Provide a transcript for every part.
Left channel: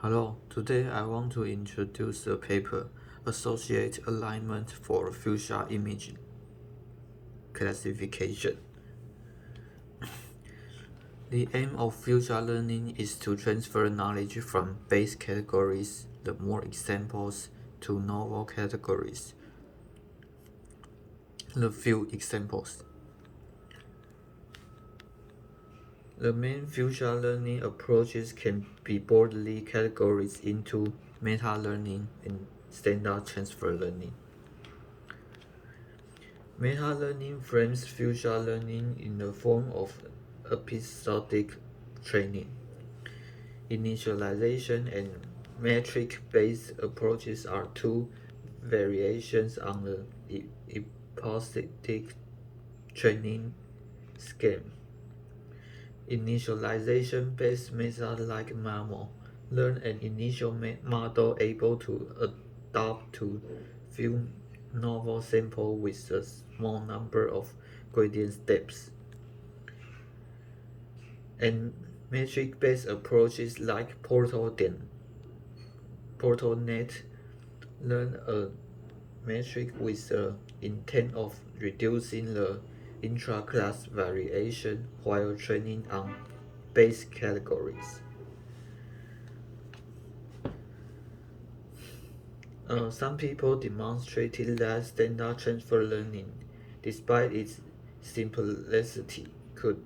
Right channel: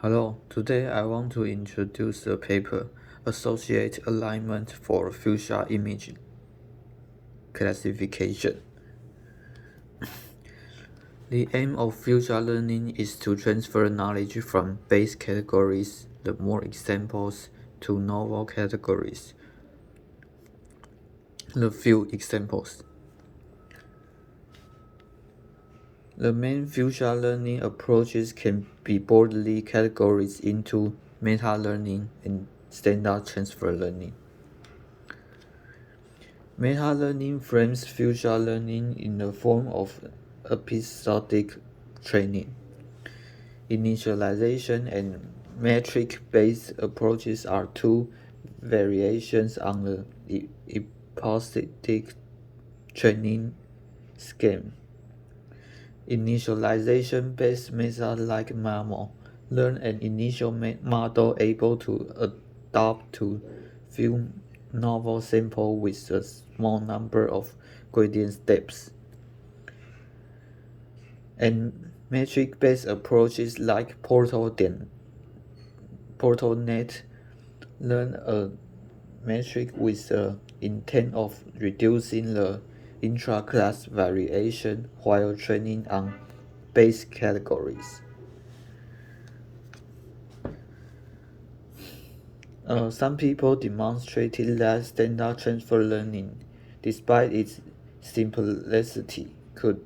Hello, today I want to introduce the paper Associate Alignment for Fuchsia Image Classification. The aim of fuchsia learning is to transfer knowledge from base categories, the more examples, to novel categories, the few examples. The main fuchsia learning approaches can be broadly categorized into meta-learning and standard transfer learning. Meta-learning frames fuchsia learning in the form of episodic training. Initialization and metric-based approaches are two variations on the episodic training scheme. Initialization-based methods like MAMO learn an initial model able to adapt to few novel samples with a small number of gradient steps. And metric-based approaches like PortalNet learn a metric with the intent of reducing the intra-class variation while training on base categories. Some people demonstrated that standard transfer learning, despite its simplicity, could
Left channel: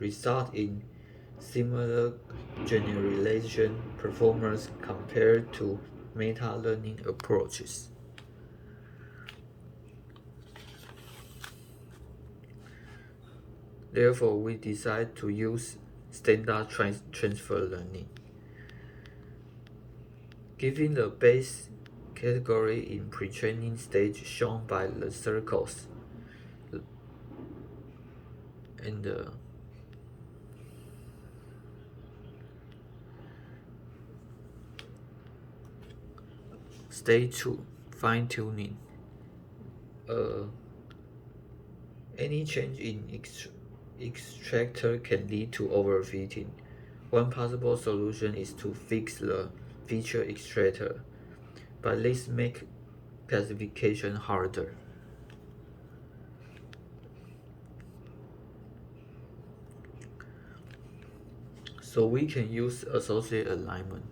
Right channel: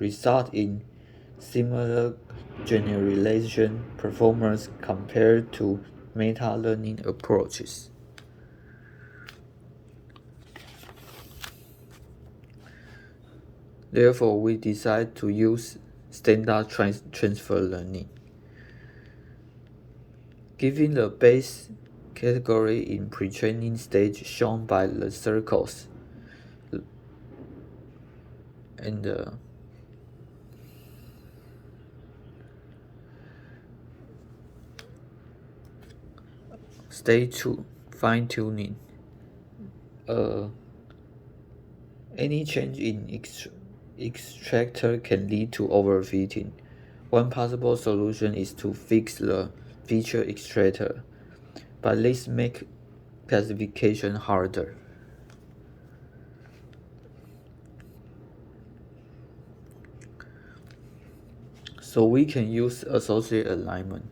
result in similar generalization performance compared to meta-learning approaches. Therefore, we decided to use standard transfer learning. Given the base category in pre-training stage shown by the circles and stage 2, fine-tuning. Any change in extractor can lead to overfitting. One possible solution is to fix the feature extractor, but this makes classification harder. So we can use associate alignment,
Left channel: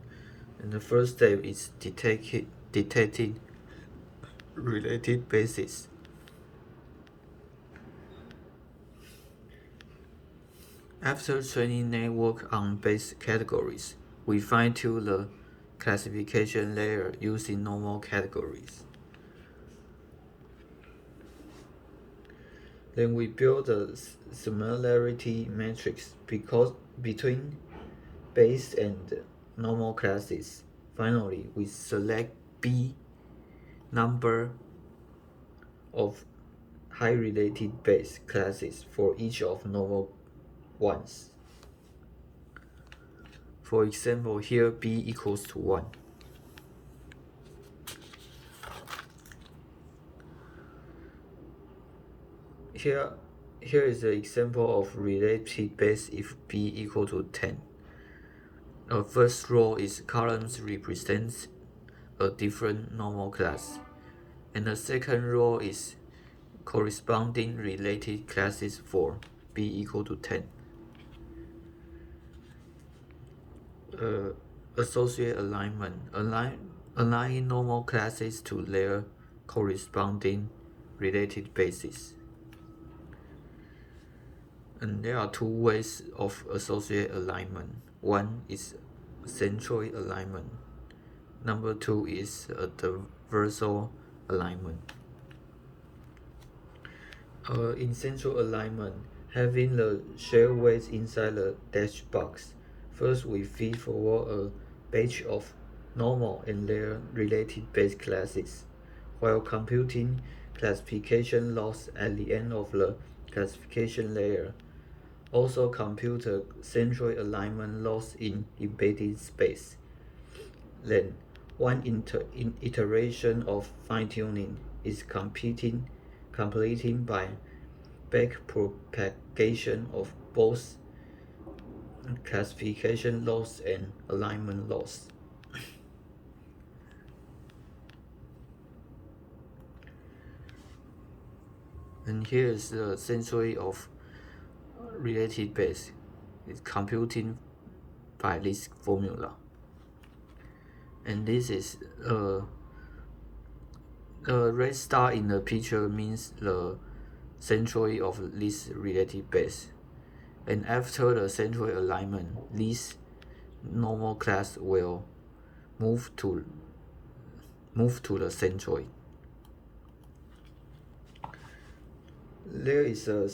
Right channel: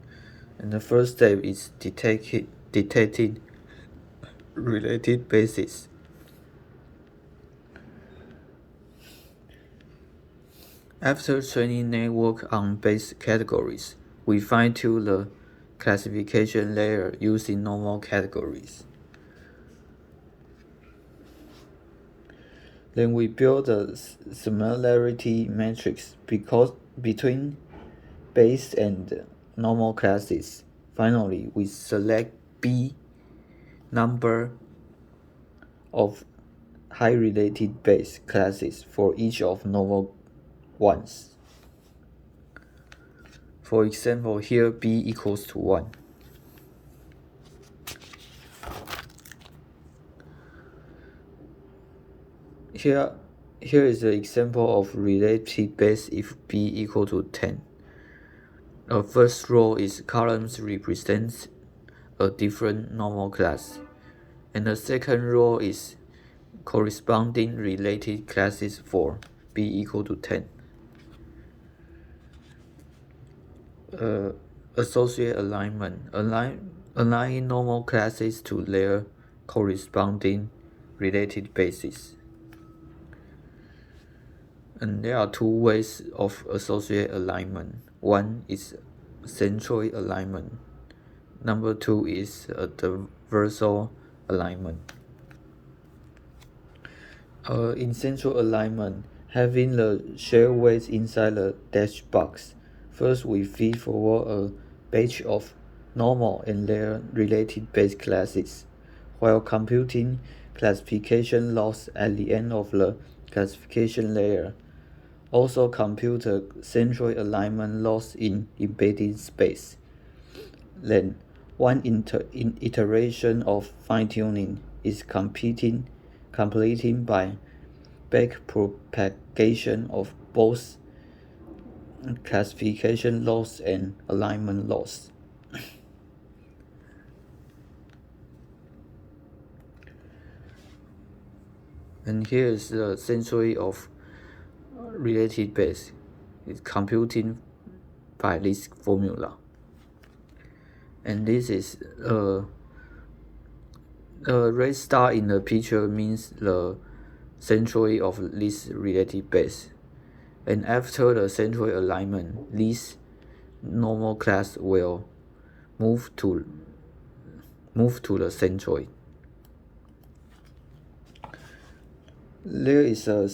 and the first step is detecting related bases. After training network on base categories, we fine-tune the classification layer using normal categories. Then we build a similarity matrix between base and normal classes. Finally, we select B number of high related base classes for each of normal ones. For example, here B equals to 1. Here is an example of related base if B equal to 10. A first row is columns represents a different normal class, and the second row is corresponding related classes for B equal to 10. Associate alignment, aligning normal classes to their corresponding related bases. And there are two ways of associate alignment. One is centroid alignment. Number two is a transversal alignment. In central alignment, having the shared weights inside the dash box, first we feed forward a batch of normal and their related base classes, while computing classification loss at the end of the classification layer. Also compute a centroid alignment loss in embedded space. Then, one iteration of fine-tuning is completing by backpropagation of both classification loss and alignment loss. And here is the century of related base. It's computing by this formula. And this is a red star in the picture means the century of this related base. And after the century alignment, this normal class will move to the centroid. There is a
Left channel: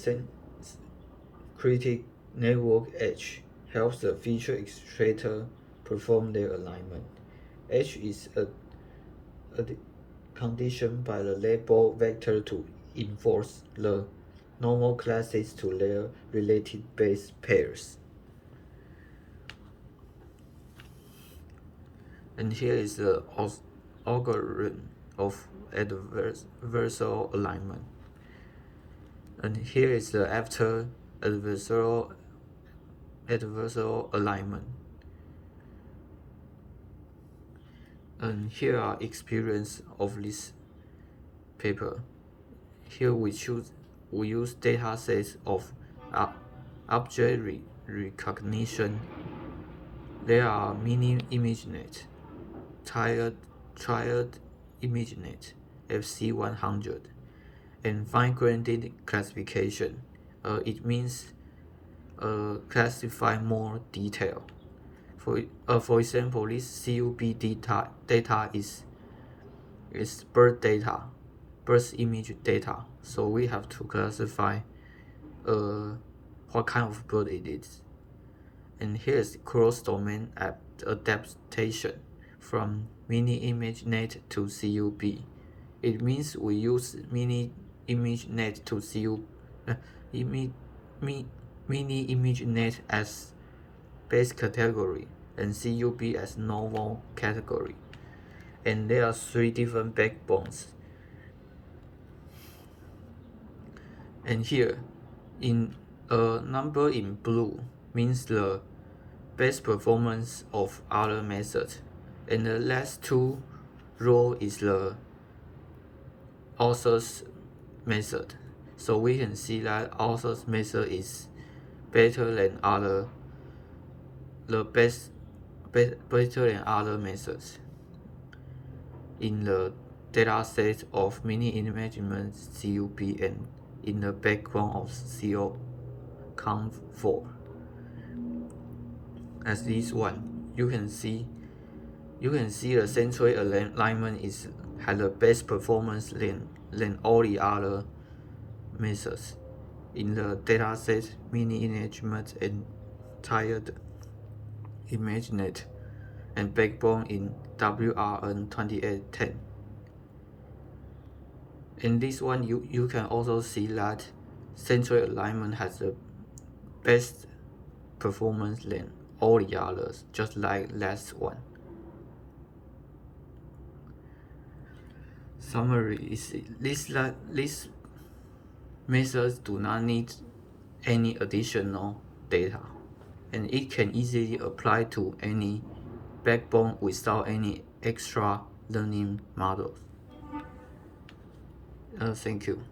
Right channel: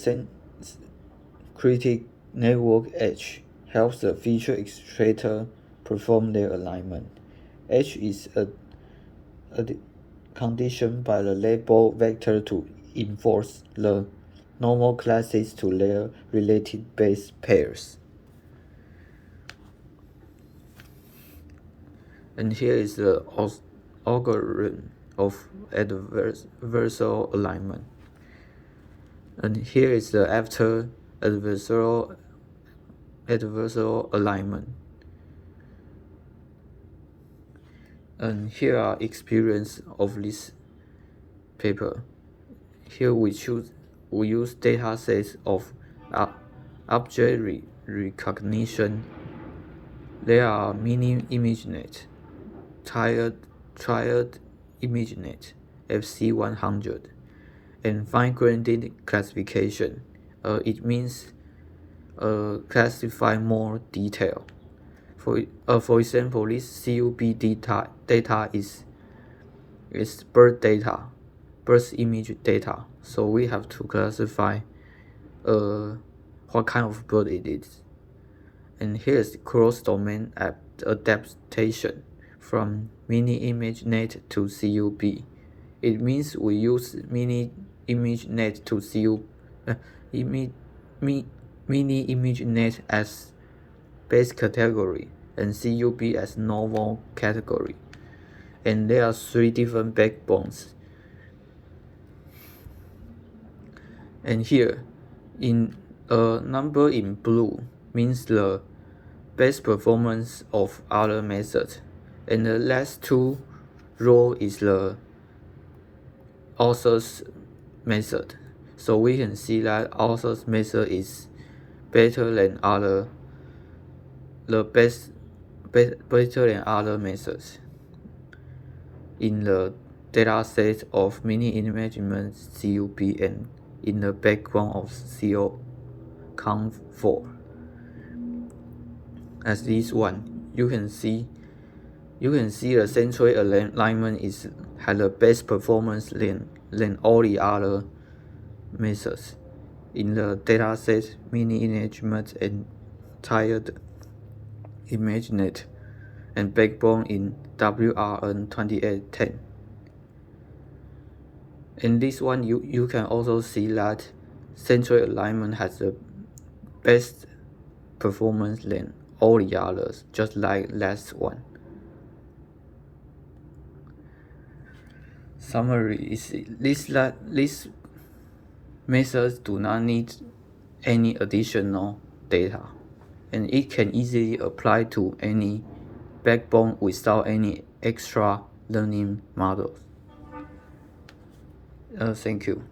critic network edge helps the feature extractor perform their alignment. Edge is a condition by the label vector to enforce the normal classes to their related base pairs. And here is the algorithm of adversarial alignment. And here is the after adversarial alignment. And here are experience of this paper. Here we use data sets of object recognition. There are mini ImageNet, triad ImageNet, FC100, and fine-grained classification. It means classify more detail. For example, this CUB data is birth image data. So we have to classify what kind of bird it is. And here's cross-domain adaptation from mini ImageNet to CUB. It means we use mini ImageNet to mini ImageNet as base category and CUB as normal category. And there are 3 different backbones. And here, in a number in blue means the best performance of other methods, and the last 2 row is the author's method. So we can see that author's method is better than other methods in the data set of mini ImageNet CUB and in the background of CO-Conv4. As this one, you can see the centroid alignment has the best performance than all the other methods in the dataset mini ImageNet and triad ImageNet and backbone in WRN2810. In this one, you can also see that centroid alignment has the best performance than all the others, just like last one. Summary is these methods do not need any additional data, and it can easily apply to any backbone without any extra learning models. Thank you.